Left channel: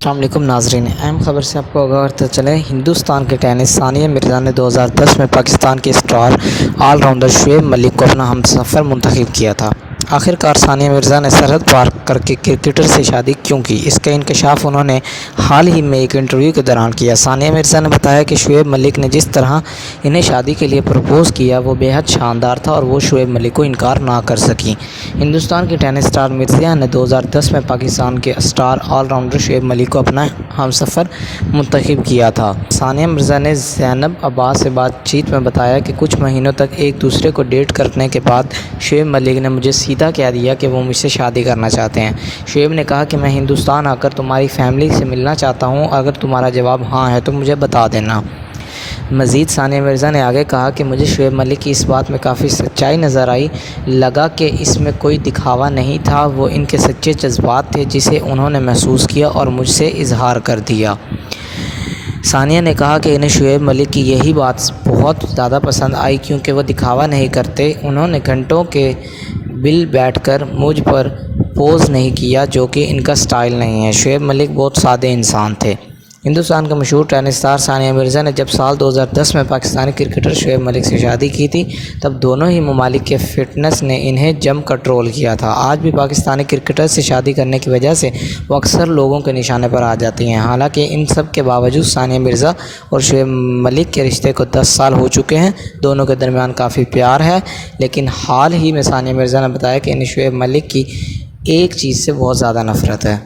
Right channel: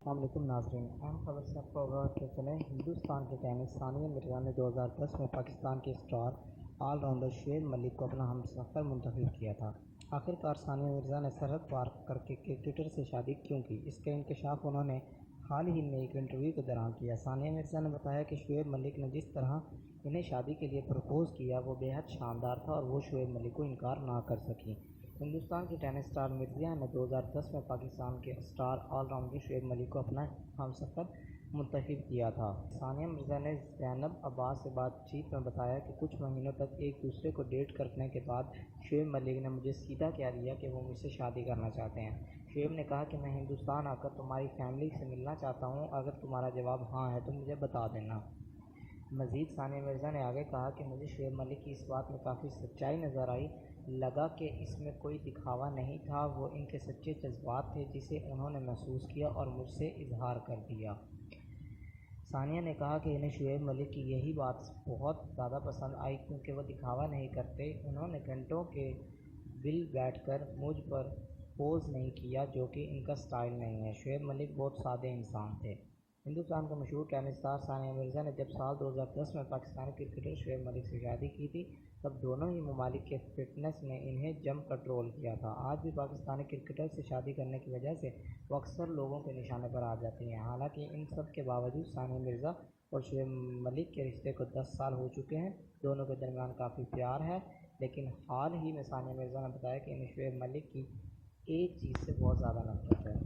السلام علیکم ناظرین، اہم خبر سے آپ کو آگاہ کرتے چلیں۔ ہندوستان کے ٹینس ثانیہ مرزا نے 2010 میں پاکستان کے star all rounder Shoaib Malik کو اپنا ہمسفر منتخب کیا تھا۔ آخرکار ثانیہ مرزا نے سرحد پار کر کے کرکٹر سے شادی کیوں کی، اس کا انکشاف انہوں نے حال ہی میں ایک انٹرویو کے دوران کیا۔ ثانیہ مرزا نے بتایا کہ شعیب ملک نے جس طرح انہیں شادی کے لیے پرپوز کیا وہ بے حد شاندار تھا اور وہ شعیب ملک کو انکار نہ کر سکیں۔ ہندوستان کی ٹینس اسٹار مرزا نے 2010 میں پاکستان کے star all rounder Shoaib Malik کو اپنا ہمسفر منتخب کیا تھا۔ ثانیہ مرزا نے زینب عباس سے بات چیت میں بتایا کہ کچھ مہینوں تک ایک دوسرے کو ڈیٹ کرنے کے بعد شعیب ملک نے مجھے سیدھا کہہ دیا کہ وہ مجھ سے شادی کرنا چاہتے ہیں۔ شعیب نے کہا کہ میں ہندوستان آ کر تمہاری فیملی سے ملنا چاہتا ہوں، اگر تمہارا جواب ہاں ہے تو مجھے بتا دینا۔ مزید ثانیہ مرزا نے آگے کہا کہ مجھے شعیب ملک کی اس بات میں کافی سچائی نظر آئی، لگا کہ اس میں کوئی دکھاوا نہیں تھا، وہ ان کے سچے جذبات تھے جسے انہوں نے محسوس کیا اور مجھ سے اظہار کر دیا۔ ثانیہ نے کہا کہ انہیں شعیب ملک کی یہی بات بہت زیادہ پسند آئی کیونکہ وہ دکھاوا نہیں کرتے، انہوں نے گھنٹوں کے بل بیٹھ کر مجھ پر پوز نہیں کیا جو کہ ان کا سٹائل نہیں ہے۔ شعیب ملک بہت سادے انسان تھے۔ ہندوستان کا مشہور ٹینس اسٹار ثانیہ مرزا نے جب سال 2010 میں پاکستانی کرکٹر شعیب ملک سے شادی کی تھی تب دونوں ہی ممالک کے فٹنس نے انہیں جم کر ٹرول کیا تھا۔ آج بھی پاکستانی کرکٹر سے شادی کرنے کی وجہ سے وہ اکثر لوگوں کے نشانے پر آ جاتی ہیں۔ حالانکہ ان سب کے باوجود ثانیہ مرزا اور شعیب ملک کے رشتے کو 10 سال ہو چکے ہیں، دونوں کے درمیان کافی پیار ہے، لیکن حال ہی میں ثانیہ مرزا نے بتایا کہ انہیں شعیب ملک کی ایک چیز سے بہت زیادہ نفرت ہے۔